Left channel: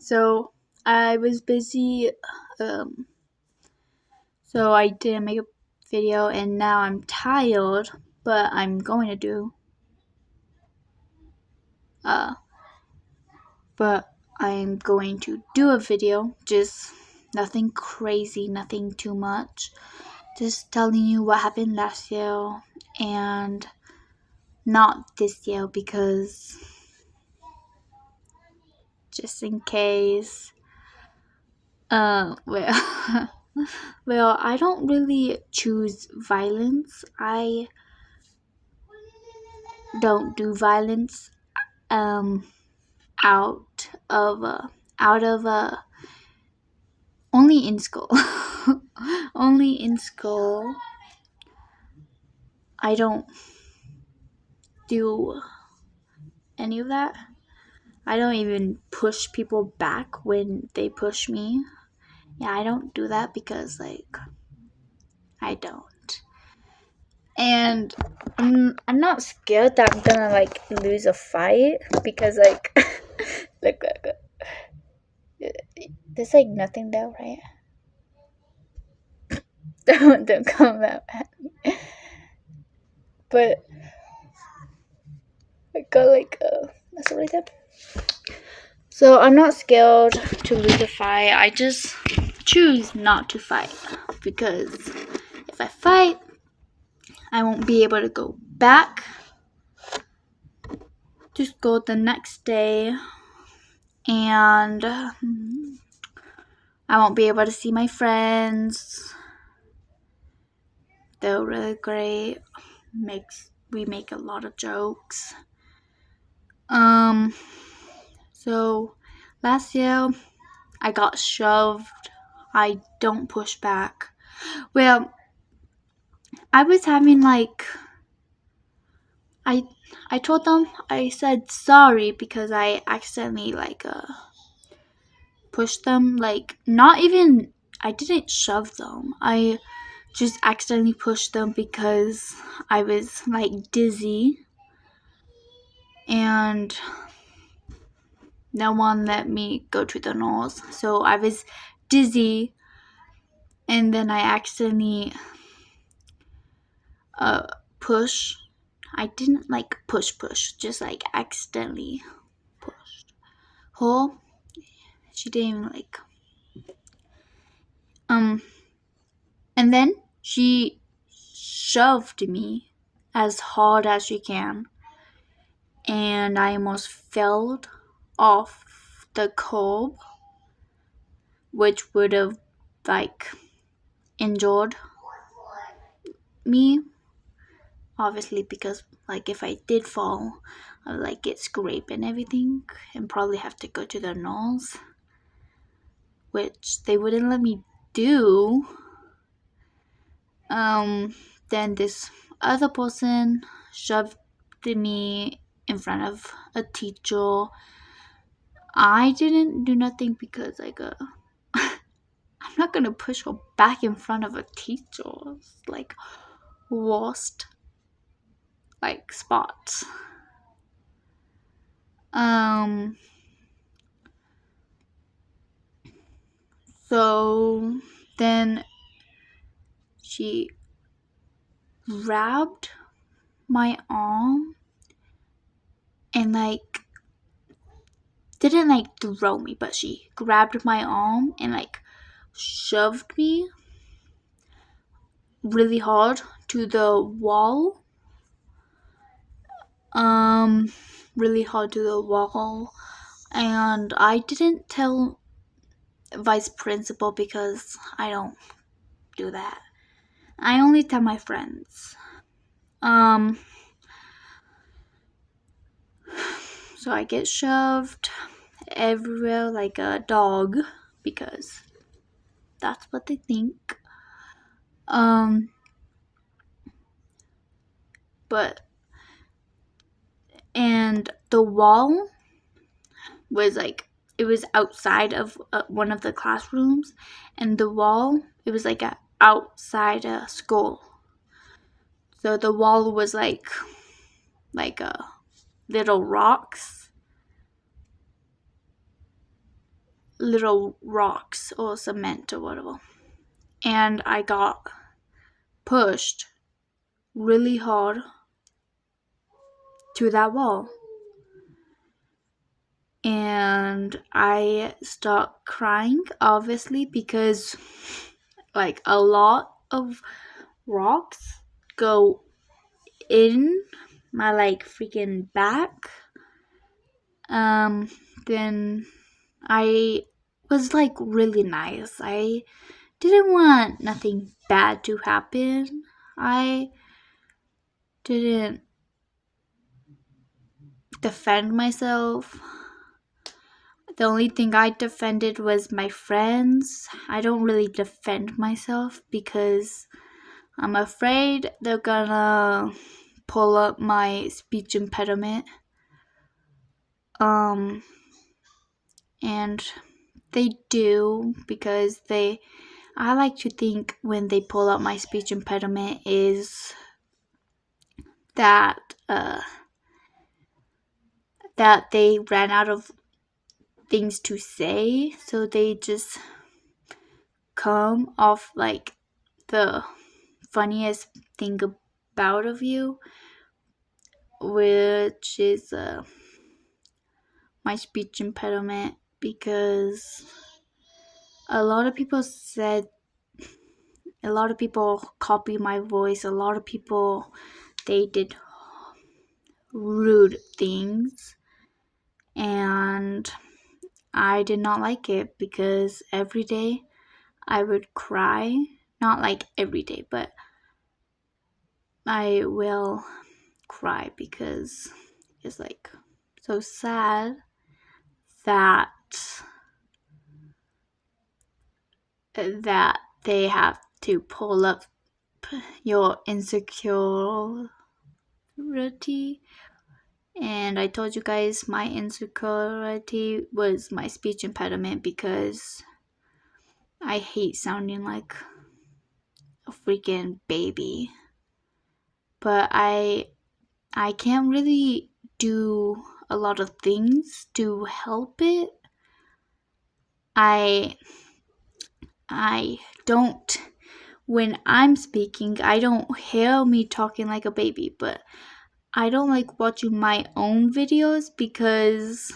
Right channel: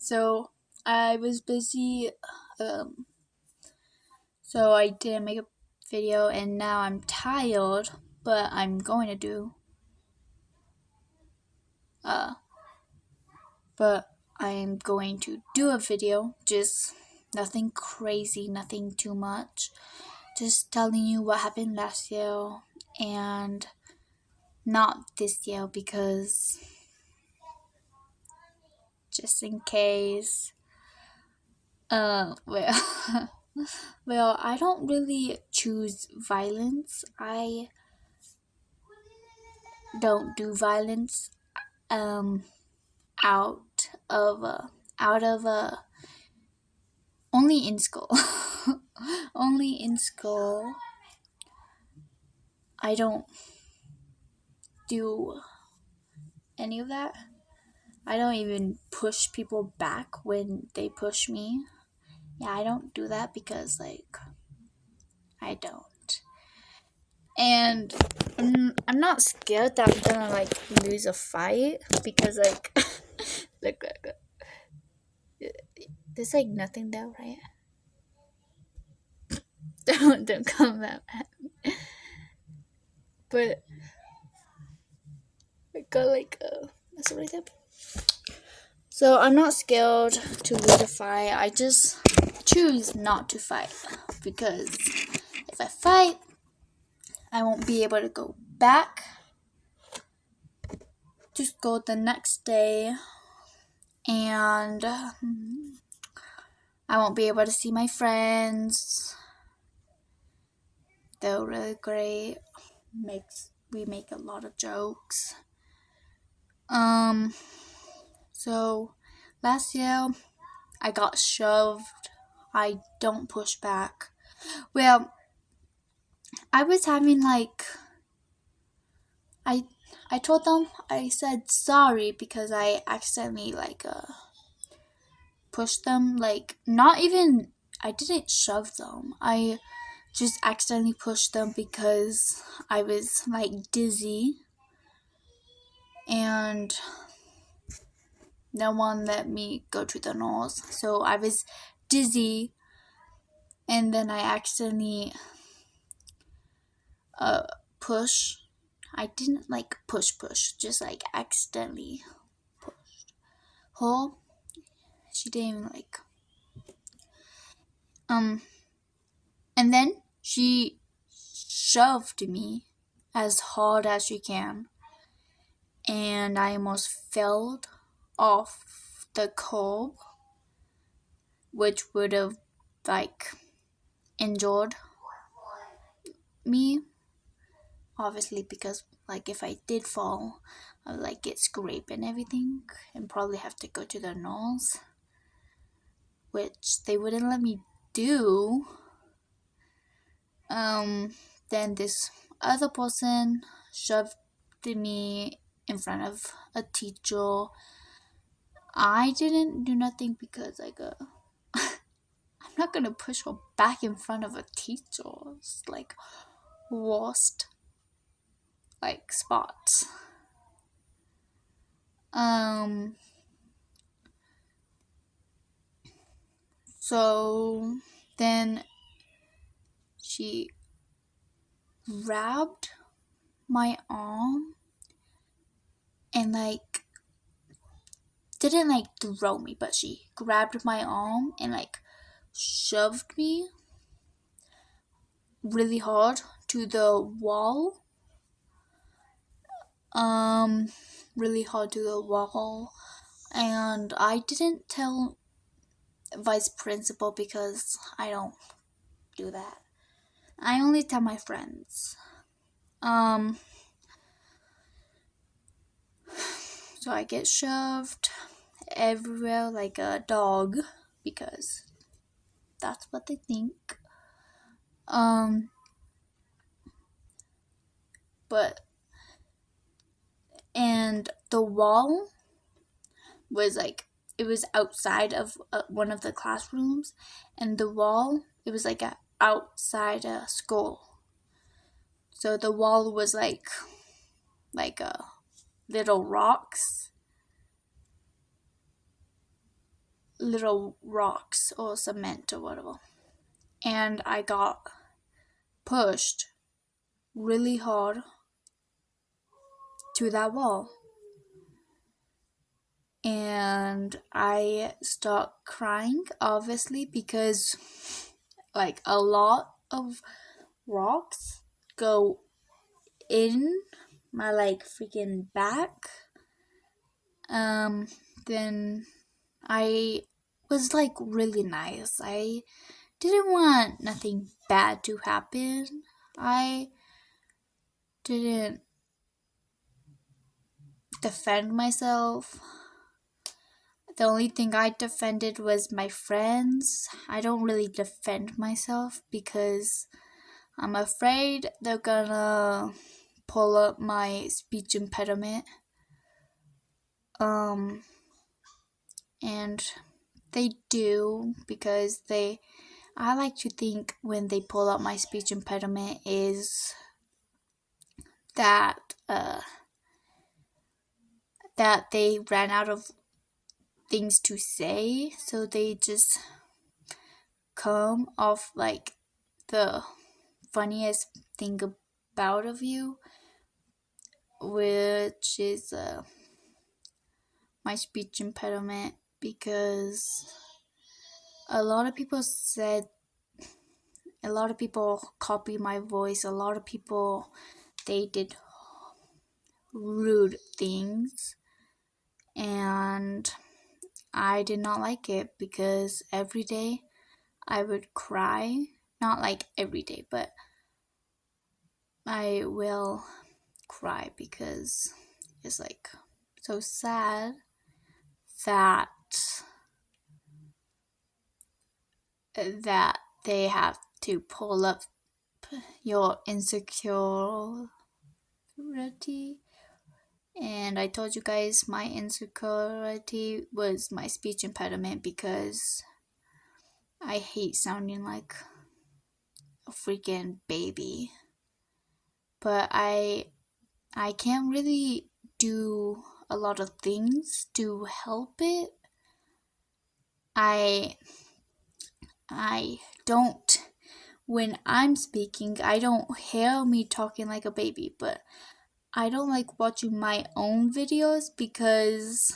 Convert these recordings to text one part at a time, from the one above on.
So I was busy, um, so I didn't make a video, and now I'm tired, but I'm going to do, uh, but I'm going to do a video, just nothing crazy, nothing too much, just telling you what happened last year, and not this year because just in case. Well, well, I don't really choose violence. I don't do violence. Um, out of out of only in school. Only in school. I don't do any of that. I don't even push people back when they push me. Yeah, I don't do that because I don't. And I'm not scared that I'm gonna lose a fight because look, there's nothing there, right? Don't come that at me. But I got something like that. So I'm not scared to lose a fight. I just choose not to fight because if I fight, I won't be able to go back to school the next day, and I won't be able to see my friends. They're really great. We make a lot of jokes. So last year I got shoved. I don't push back. Well, I was having I I told them I said sorry because I accidentally pushed them, not even, I didn't shove them. I just accidentally pushed them because I was dizzy and no one let me go to the nose. So I was dizzy and then I accidentally push. I didn't push, just accidentally pushed her. She didn't even and then she shoved me as hard as she can, and I almost fell off the curb, which would have injured me, obviously, because if I did fall, I would get scraped and everything and probably have to go to the nurse, which they wouldn't let me do. Then this other person shoved me in front of a teacher. I didn't do nothing because I'm not gonna push her back in front of a teacher. It's worst spots. So then she grabbed my arm and didn't throw me, but she grabbed my arm and shoved me really hard to the wall. Really hard to the wall. And I didn't tell vice principal because I don't do that. I only tell my friends. So I get shoved everywhere like a dog because that's what they think. But and the wall was it was outside of one of the classrooms, and the wall, it was outside a school. So the wall was little rocks. little rocks or cement or whatever. And I got pushed really hard to that wall. And I start crying, obviously, because like a lot of rocks go in my like freaking back. Then I was like really nice. I didn't want nothing bad to happen. I didn't defend myself. The only thing I defended was my friends. I don't really defend myself because I'm afraid they're gonna pull up my speech impediment. And they do because I like to think when they pull up my speech impediment is that that they ran out of things to say, so they just come off like the funniest thing about of you, which is my speech impediment, because a lot of people copy my voice. A lot of people, they did rude things, and I did not like it because every day I would cry. Not like every day, but I will cry because it's like so sad that they have to pull up your insecurity. And I told you guys my insecurity was my speech impediment because I hate sounding like a freaking baby. But I can't really do a lot of things to help it. I don't, when I'm speaking, I don't hear me talking like a baby, but I don't like watching my own videos because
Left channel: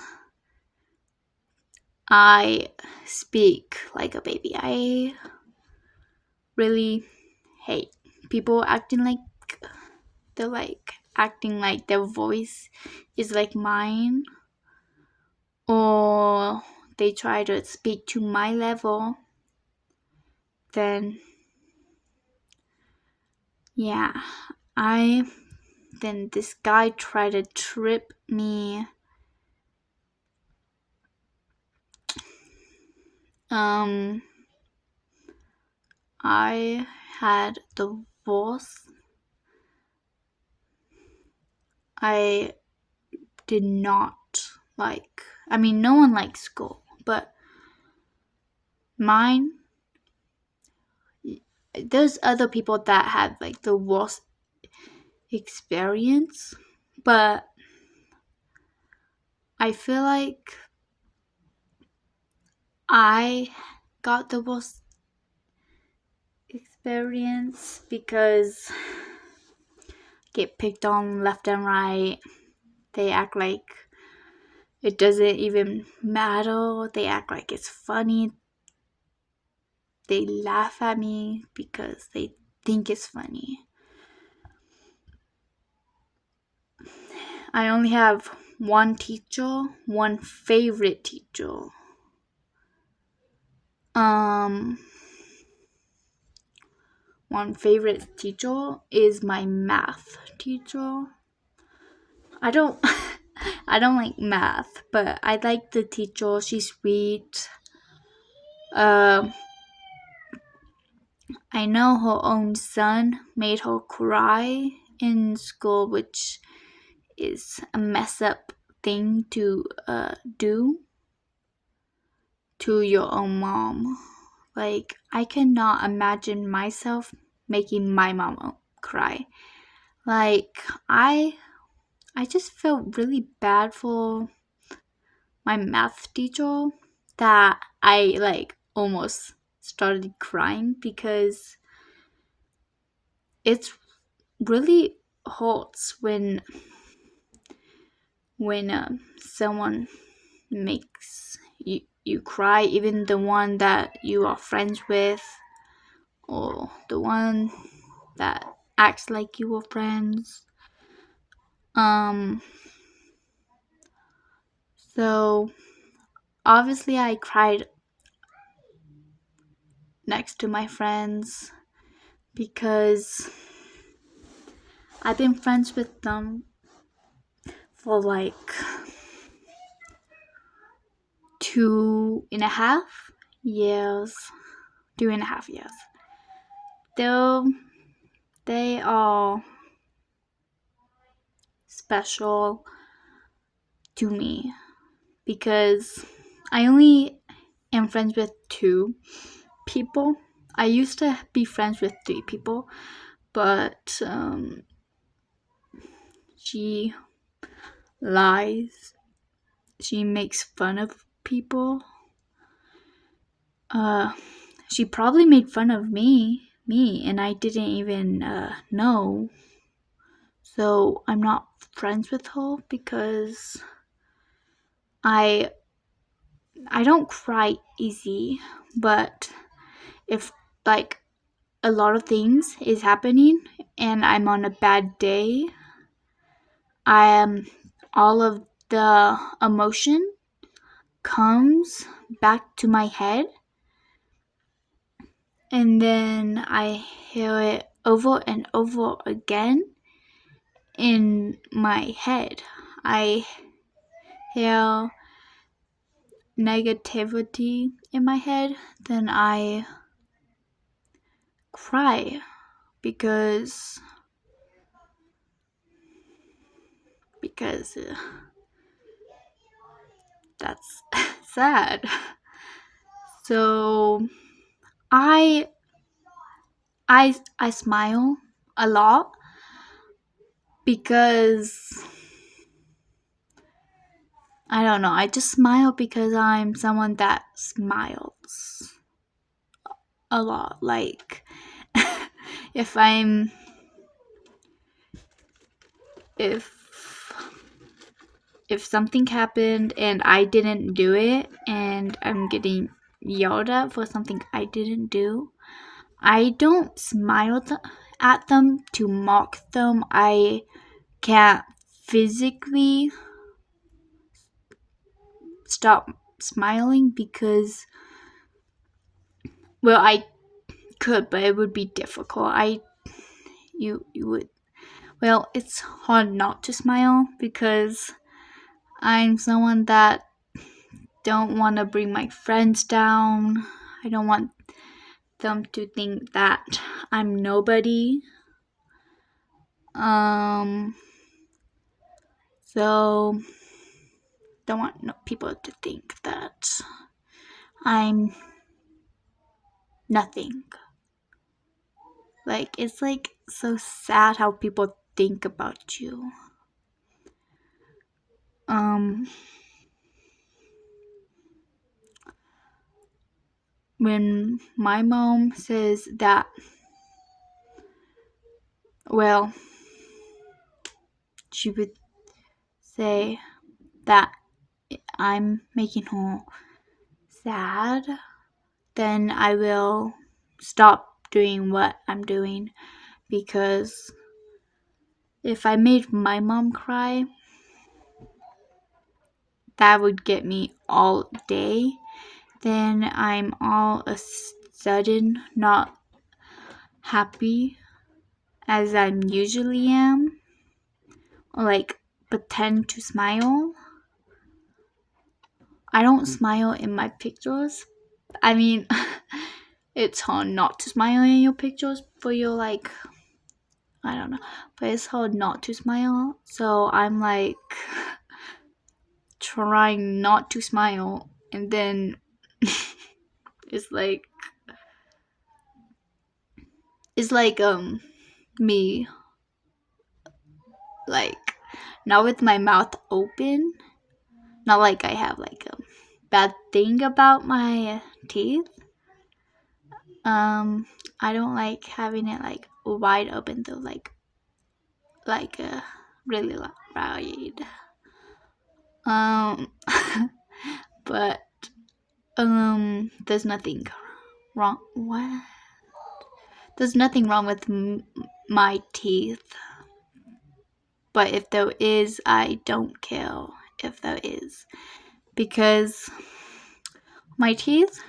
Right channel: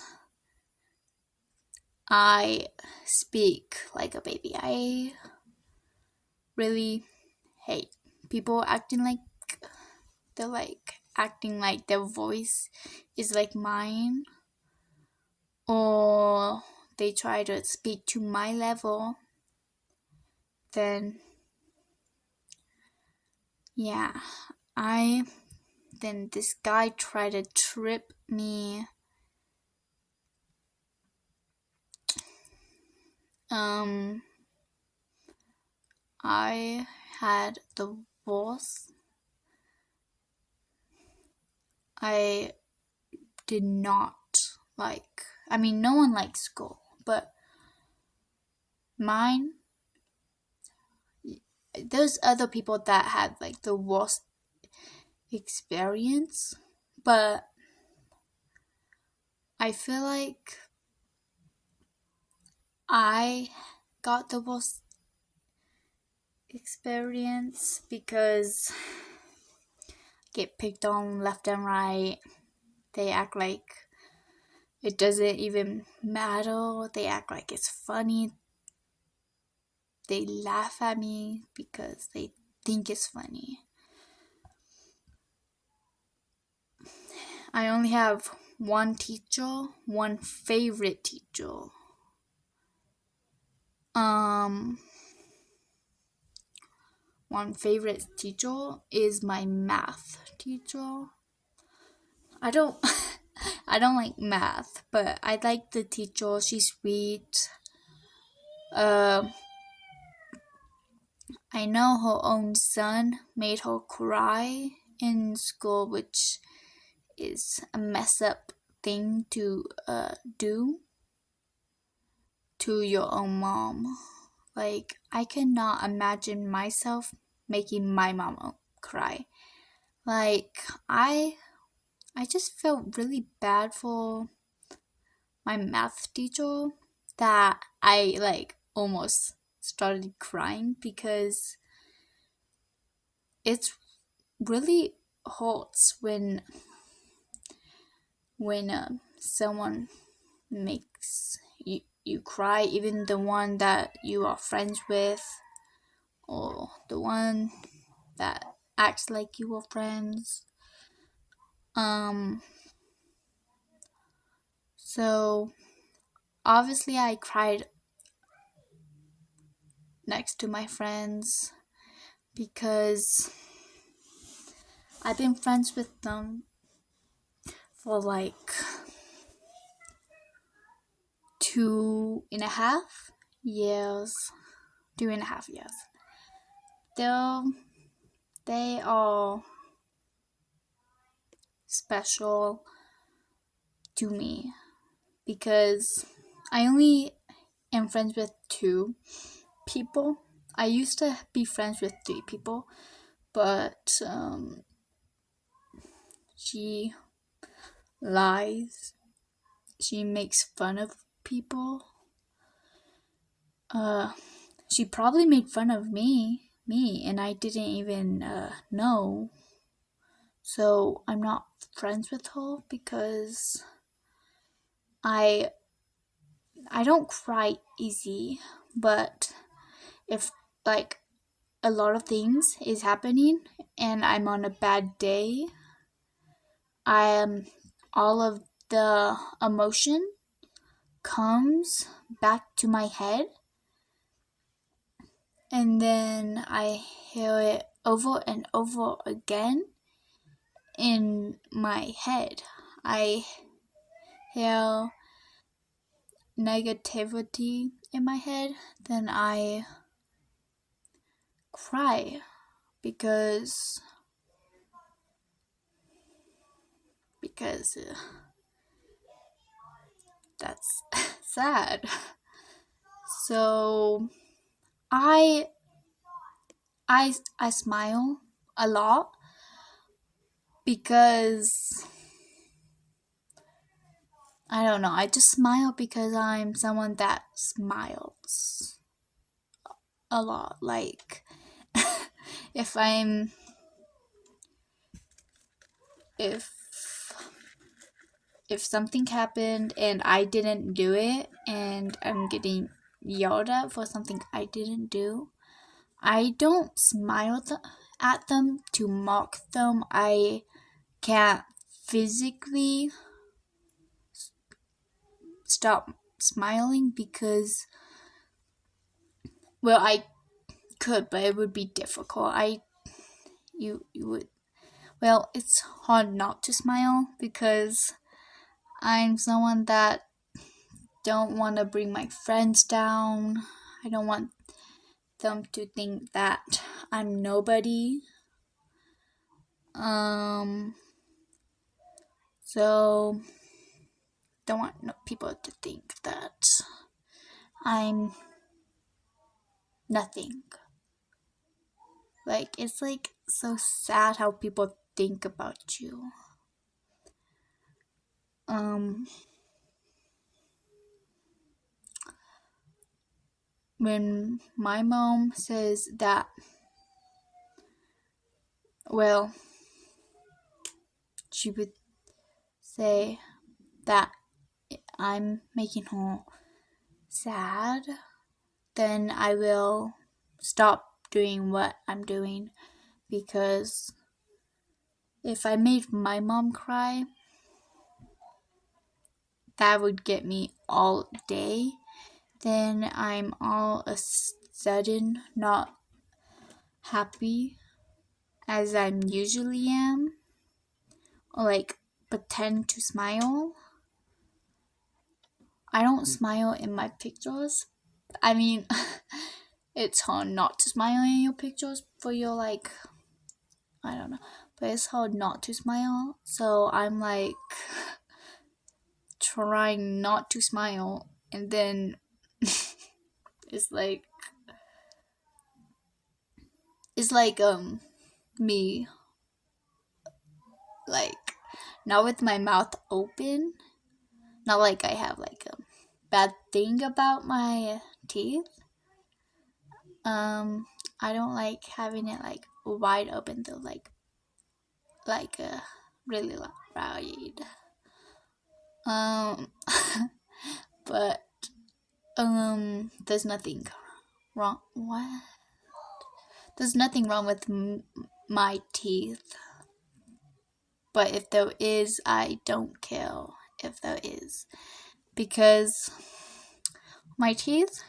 I speak like a baby. I really hate people acting like their voice is like mine, or they try to speak to my level. Then yeah, then this guy tried to trip me. I had the worst. I did not like, I mean, no one likes school, but mine, there's other people that had like the worst experience, but I feel like I got the worst experience because I get picked on left and right. They act like it doesn't even matter. They act like it's funny. They laugh at me because they think it's funny. I only have one teacher, one favorite teacher. One favorite teacher is my math teacher. I don't I don't like math, but I like the teacher. She's sweet. I know her own son made her cry in school, which is a mess up thing to do to your own mom. Like, I cannot imagine myself making my mom cry. Like, I just felt really bad for my math teacher. that I like almost started crying because it's really hurts when someone makes you cry, even the one that you are friends with or the one that acts like you were friends. Um so obviously I cried next to my friends because I've been friends with them for like 2.5 years. 2.5 years. Though they are special to me because I only am friends with 2 people. I used to be friends with 3 people, but she lies. She makes fun of people. She probably made fun of me, and I didn't even know. So I'm not friends with her because I don't cry easy, but if like a lot of things is happening and I'm on a bad day, I am all of the emotion comes back to my head, and then I hear it over and over again in my head. I hear negativity in my head, then I cry because that's sad. So I I smile a lot because I don't know. I just smile because I'm someone that smiles a lot. Like if I'm if if something happened and I didn't do it and I'm getting yelled at for something I didn't do, I don't smile at them to mock them. I can't physically stop smiling because, well, I could, but it would be difficult. You would, well, it's hard not to smile because I'm someone that don't want to bring my friends down. I don't want them to think that I'm nobody. So don't want people to think that I'm nothing. Like it's like so sad how people think about you. When my mom says that, well, she would say that I'm making her sad, then I will stop doing what I'm doing, because if I made my mom cry, that would get me all day. Then I'm all of a sudden not happy as I usually am, or like pretend to smile. I don't smile in my pictures. I mean, it's hard not to smile in your pictures for your like, I don't know, but it's hard not to smile. So I'm like trying not to smile, and then it's like me like not with my mouth open, not like I have like a bad thing about my teeth. I don't like having it like wide open though, like really wide. Um, but there's nothing wrong. What? There's nothing wrong with my teeth. But if there is, I don't care if there is, because my teeth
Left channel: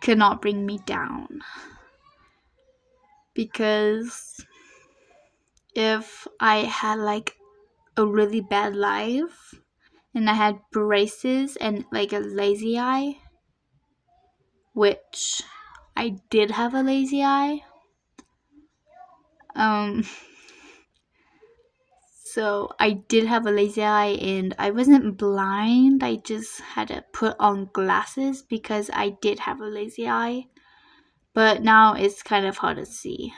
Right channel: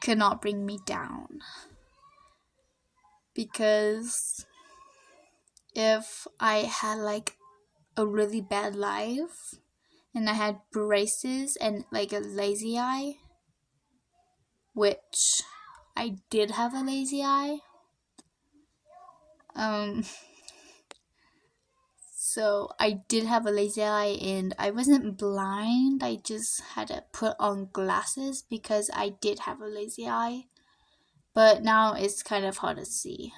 cannot bring me down. Because if I had like a really bad life and I had braces and like a lazy eye, which I did have a lazy eye. So I did have a lazy eye and I wasn't blind. I just had to put on glasses because I did have a lazy eye. But now it's kind of hard to see.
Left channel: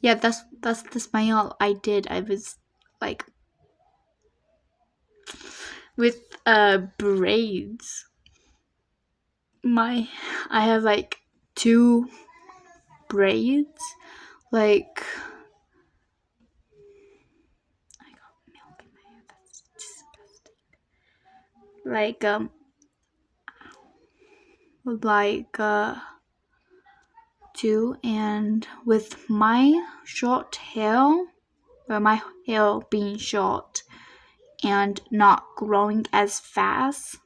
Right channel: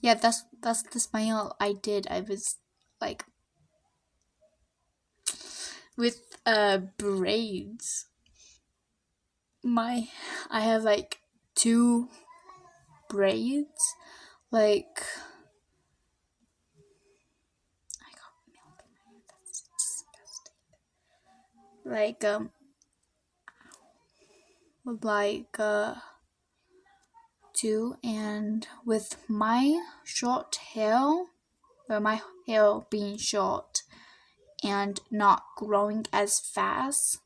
Yeah, that's the smile I did. I was like with braids. I have like 2 braids. Like I got milk in my hair. That's disgusting. Like 2, and with my short hair, or my hair being short and not growing as fast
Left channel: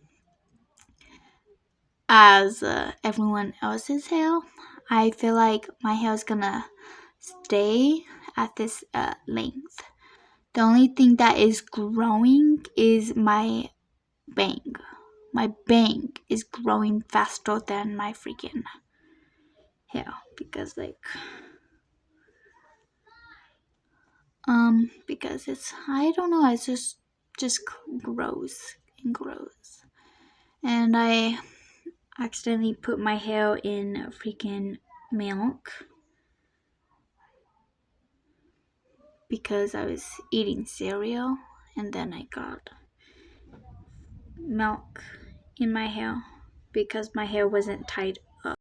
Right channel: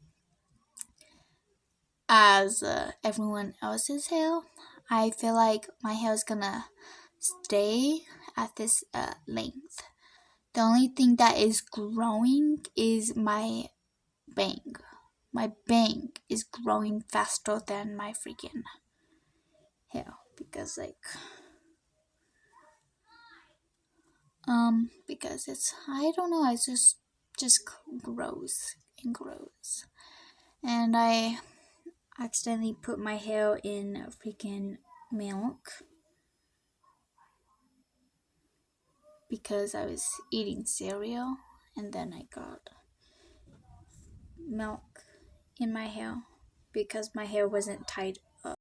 as everyone else's hair, I feel like my hair is gonna stay at this length. The only thing that is growing is my bang. My bang is growing faster than my freaking hair because because it's, I don't know, it's just grows and grows. And I accidentally put my hair in freaking milk because I was eating cereal, and then I got milk in my hair because my hair wasn't tied